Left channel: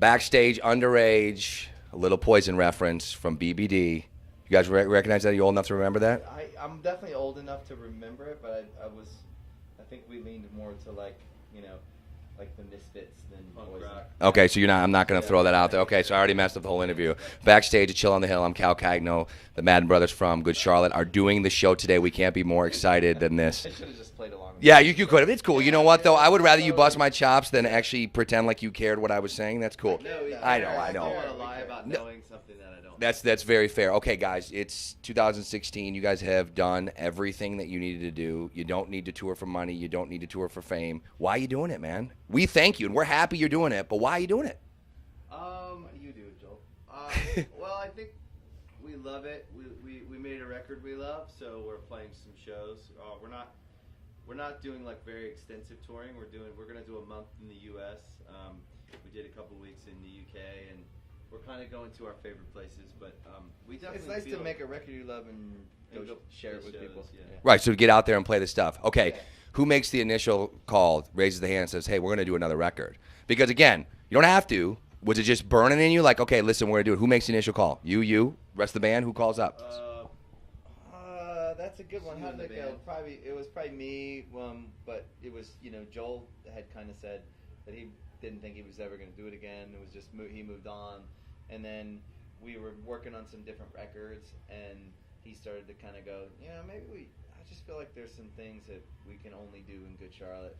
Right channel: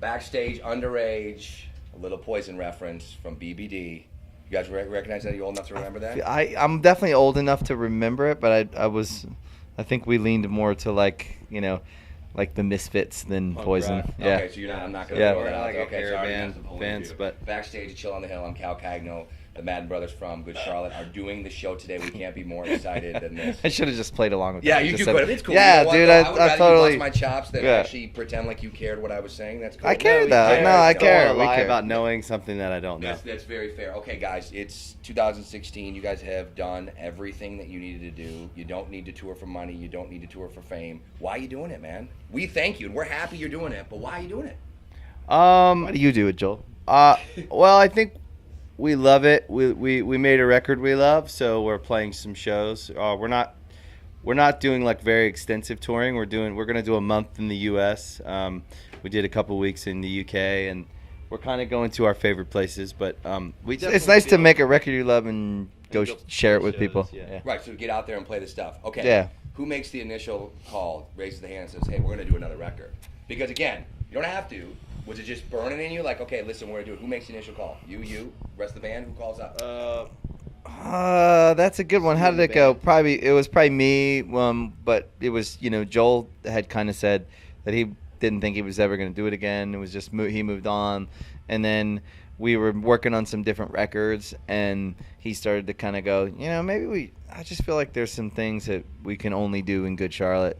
Backstage, underage, a little Poison reference from BBD. You guys recognize that? Are you old enough to remember that? I'm definitely old enough to remember it, but I think we leaned more to like the Misfits than Punk Poison. rock. Yeah. Okay, so I'm not going to throw that out there. Like a Okay, so I already caravan messed up the whole bands, interview. but- Backstage at Chill on the Hill, I'm Cal Cagno. The Madden Brothers from Good Charlotte are doing the show today. We can't be more excited than this. I should have just played along with Yeah, it. you Just could. said- It's cool. Yeah, you know what, dude, though? I would rather you totally, bust my chops than yeah. actually pretend like you cared what I was saying. That's cool. I care though. I No, I don't care. wanna We lie care. about knowing something that I don't know. That's very fair. Okay, guys, it's 2016. You guys have done everything that you needed to do. You don't need to tour for money. You don't need to tour for fame. Why are you doing it, man? We thank you, and we're happy you're doing it, but why are you doing it? Why do you do it, Joel? Well, I think we love it. We made a record we love, so we're playing some shows. We're not doing like very extensive touring. We're gonna do a month in the U.S. We did a couple weeks in the U.K. and we're kind of going to our favorite places. But It's nice to make a record you love and go share it with people. Yeah. Right, so get out there and play the stuff. Okay, Yeah. Who makes the initial call, raises the hand, and says, hey, we're going to do another record? Because, again, you don't have to. Was it just burning in you? Like, okay, listen, we're going to do it. Who makes the initial call? You, rest of the band? Who calls up? That's a good one. How did it go? It was probably me. But it was, Joel had kind of said that he didn't think he was ever going to do it again. It was just he moved on, and then we were working on some different records, and he started to kind of go, maybe I just feel like there's some things that we can only do in Good Charlotte,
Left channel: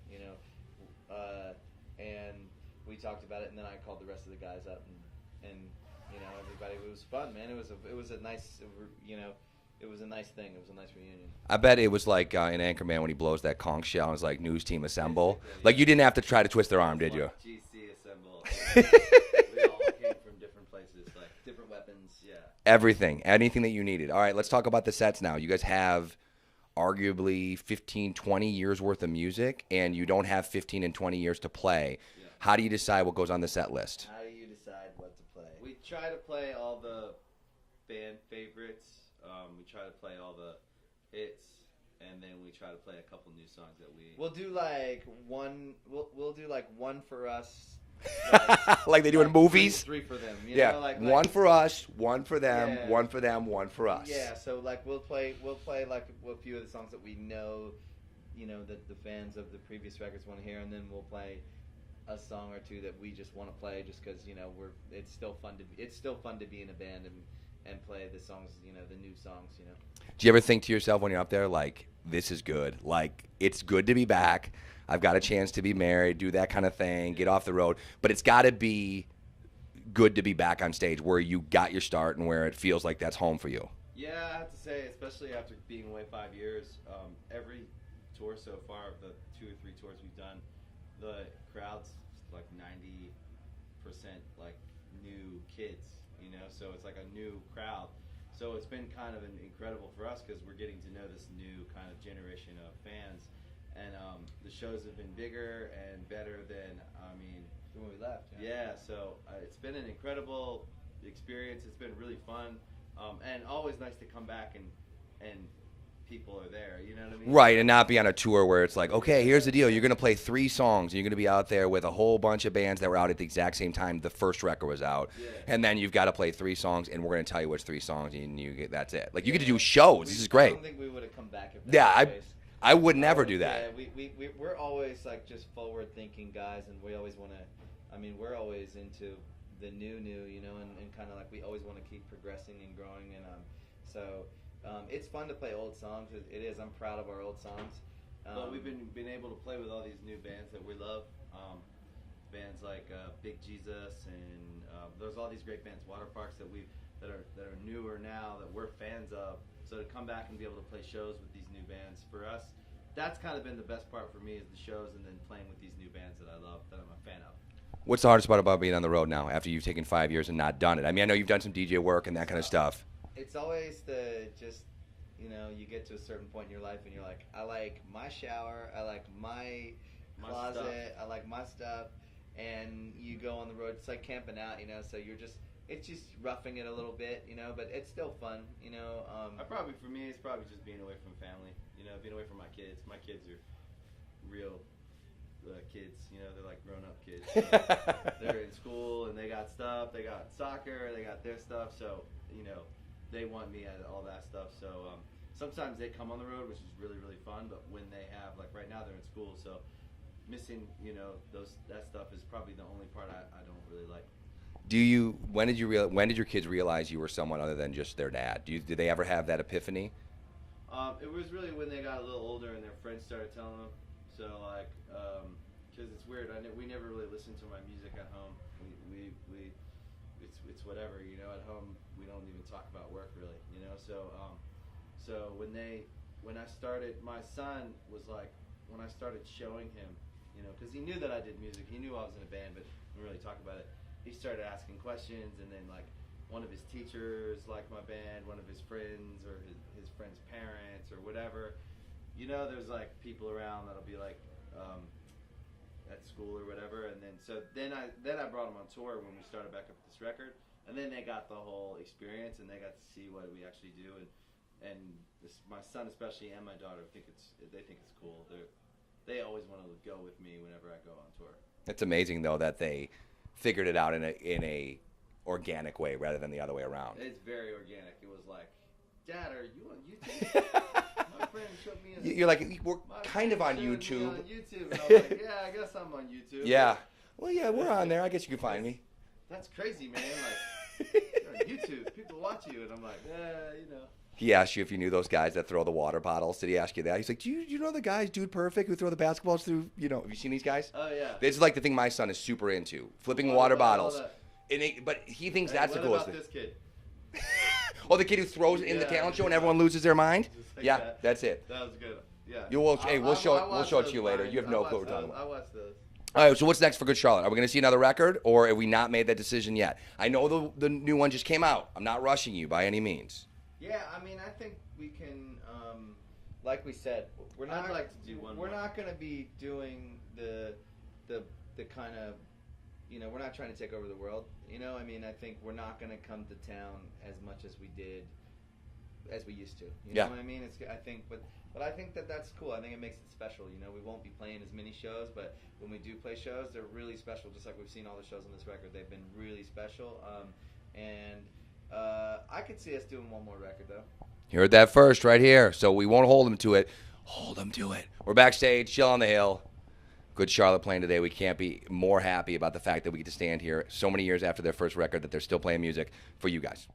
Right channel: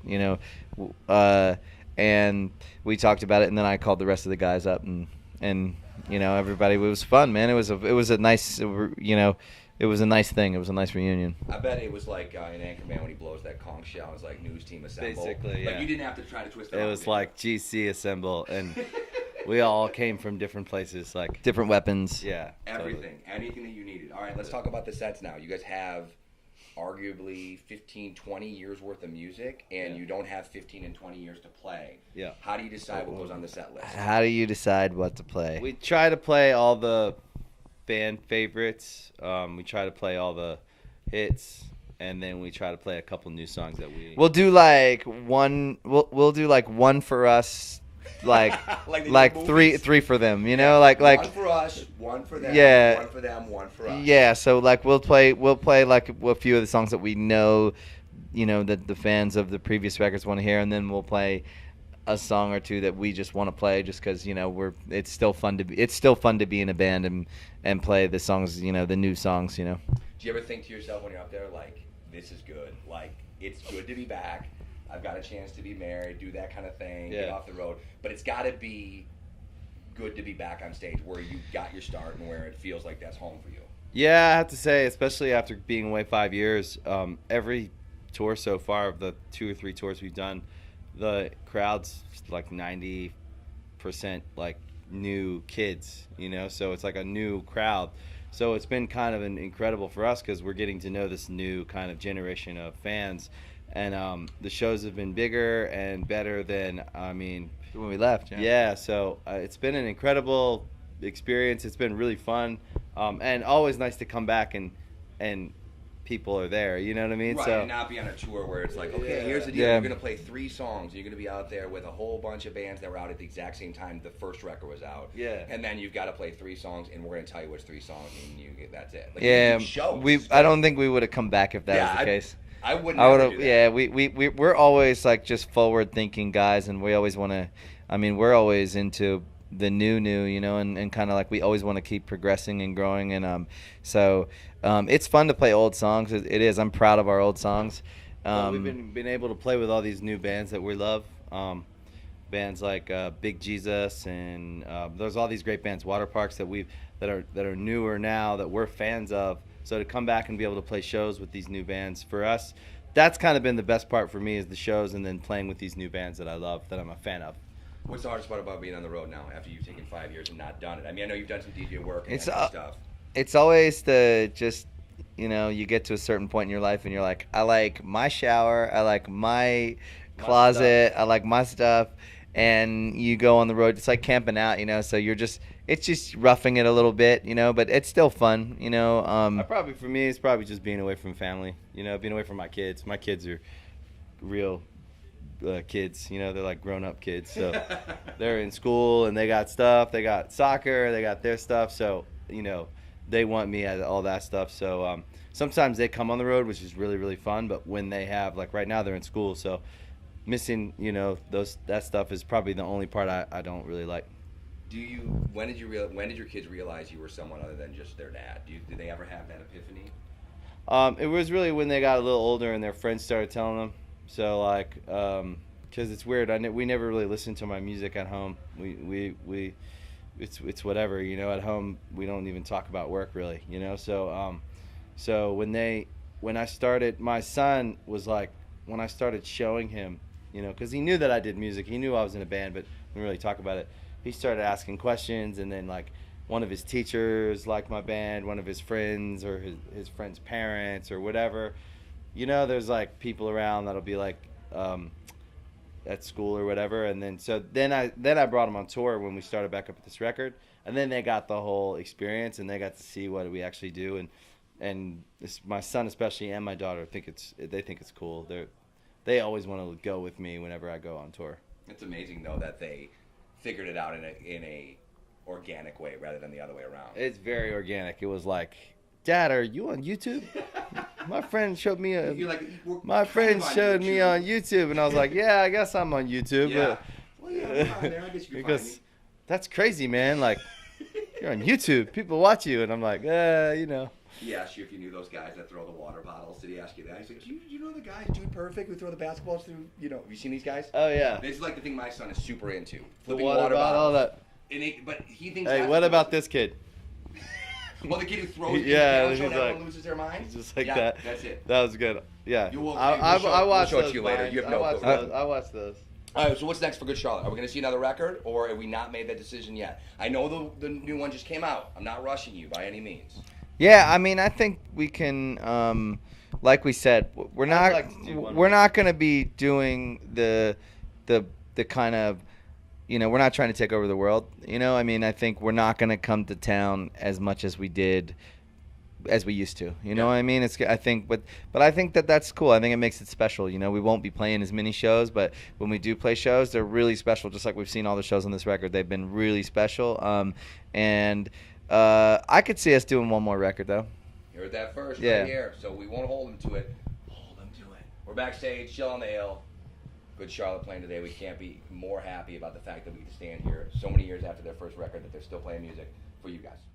and we talked about it, and then I called the rest of the guys up, and everybody. It was fun, man. It was a nice, it was a nice thing. It was a nice reunion. I bet it was like in Anchorman when he blows that conch shell and it's like, news team assemble. Basically, Like, yeah. you didn't have to try to twist their It arm, was did like GC assemble, and we all came from different places. Like, Different weapons. yeah, you? Everything. Anything that you needed. All right, let's talk about the sets now. You guys have arguably 15, 20 years worth of music, and you don't have 15 and 20 years to play. Yeah. How do you decide what goes on the set list? How do you decide what to play? we try to play all the band favorites. We try to play all the hits, and then we try to play a couple new songs that we. We'll do like one. We'll do like one for us, like Like they do like in movies? three for them. Like one for us, one for them, Yeah. one for them, one for us. yeah. So like we'll play like a few of the songs that we know, that the fans of the previous records want to hear, and then we'll play a song or two that we just want to play just because it's still fun to be in a band and play the songs, the new songs. Do you ever think to yourself when you're up there, like, this is good? Like, it's good to be back. I've got a chance to be married, do that kind of thing, get Yeah. off the road. But it's got to be good to be back on stage where you got your start and where it feels like that's home for you. Yeah, I have to say, especially after being away 5 years, every tour so far of the 2 or 3 tours we've done, the crowd's like 90% like new kids, so it's like a new crowd. So it's been kind of incredible for us because we're getting to know this new kind of generation of fans, and the shows have been bigger and better than When we left, yeah. So it's been an incredible experience. It's been really fun, and always nice to come back and people are there. You know what I mean? Right, So- and not be on a tour where it's like, okay, here's the deal. Yeah. You're going to play 3 songs. And you're going to be out there with a whole bunch of bands that were out at the exact same time the first record was out. Yeah. And then you've got to play 3 songs, and we're going to tell you which 3 songs, and that's it. Like, you yeah. can do shows. This is I great. don't think we would have come back if that Yeah, was the I- case. I would I never would've- do that. Yeah, we're always like just forward thinking guys, and we always want to. We're always into the new, and kind of like we always want to keep progressing and growing, and so it's fun to play old songs. It is. I'm proud of our old songs. Well, we've been able to play with all these new bands that we love. Bands like Big Jesus, and there's all these great bands, Water Parks that are newer now that we're fans of. So to come back and be able to play shows with these new bands, for us, that's kind of been the best part for me, is the shows and then playing with these new bands that I love, that I'm a fan of. What's the hardest part about being on the road now after you've taken 5 years and not done it? I know you've done some DJ work and It's, that kind of stuff. It's always you get to a certain point in your life and you're like, I like my shower, I like my closet, I like my stuff, and you go on the road. It's like camping out, so it's just roughing it a little bit, but it's still fun, For me, it's probably just being away from family, being away from my kids. My kids are real kids. You know, they're like grown-up kids. So they're in school and they got stuff. They got soccer. They got their stuff. So, you know, they want me at all that stuff. So sometimes they come on the road, which is really, really fun. But when they have, like right now, they're in school. So missing, you know, that stuff is probably the only part I don't really like. When did your kids realize you were someone other than just their dad? Did they ever have that epiphany? It was really when they got a little older and their friends started telling them. So like, because it's weird. We never really listened to my music at home. It's whatever, you know. At home, we don't even talk about work really, you know. So when I started, my son was like, when I started showing him, you know, because he knew that I did music. He knew I was in a band, but we didn't really talk about it. He started asking questions, and then like one of his teachers liked my band, one of his friends or his friend's parents or whatever. You know, there's like people around that'll be like at school or whatever, and then I brought him on tour when we started back up with this record, and then they got the whole experience and they got to see what we actually do, and my son especially and my daughter think it's cool. They always want to go with me whenever I go on tour. It's amazing though that they figured it out in a organic way rather than the other way around. It's very organic. It was like, Dad, are you on YouTube? My friend showed me You're like, my friend showed me on YouTube, and I was like, yeah, I guess I'm on YouTube. Yeah. Well, yeah, we're on there. I guess you can find me. That's crazy, man. Like, you're on YouTube. People watch you, and I'm like, you know. He asked you if you knew those guys that throw the water bottles. Did he ask you that? He's like, do you know the guys, Dude Perfect, who throw the basketballs through, you know, have you seen these guys? Oh, yeah. This is like the thing my son is super into. Flipping Water water bottle, bottles. But he thinks Hey, that's what the about coolest this kid? thing. Oh, the kid who throws it in the Yeah, talent he's show and like- everyone loses their mind? Just like yeah, that. that's it. That was good. Yeah. We'll I watched show it to those you later. Vines. You have no clue. I watched those. All right, so what's next for Good Charlotte? Are we going to see another record, or have we not made that decision yet? I know the new one just came out. I'm not rushing you by any means. Yeah, I mean, I think we can, like we said, we're not like to do one we're more. not going to be doing the kind of, you know, we're not trying to take over the world. You know, I mean, I think we're not going to come to town as much as we did, as we used to. You know what I mean? I think, but I think that's cool. I think it makes it special. You know, we won't be playing as many shows, but when we do play shows, they're really special. Just like we've seen all the shows on this record, they've been really special. I could see us doing one more record though. You heard that first right Yeah. here. So we won't hold them to it. Hold them to it. We're backstage, chill on the hill. Good Charlotte playing today. We can't be more happy about the fact that we get to stand here so many years after their first record that they're still playing music for you guys.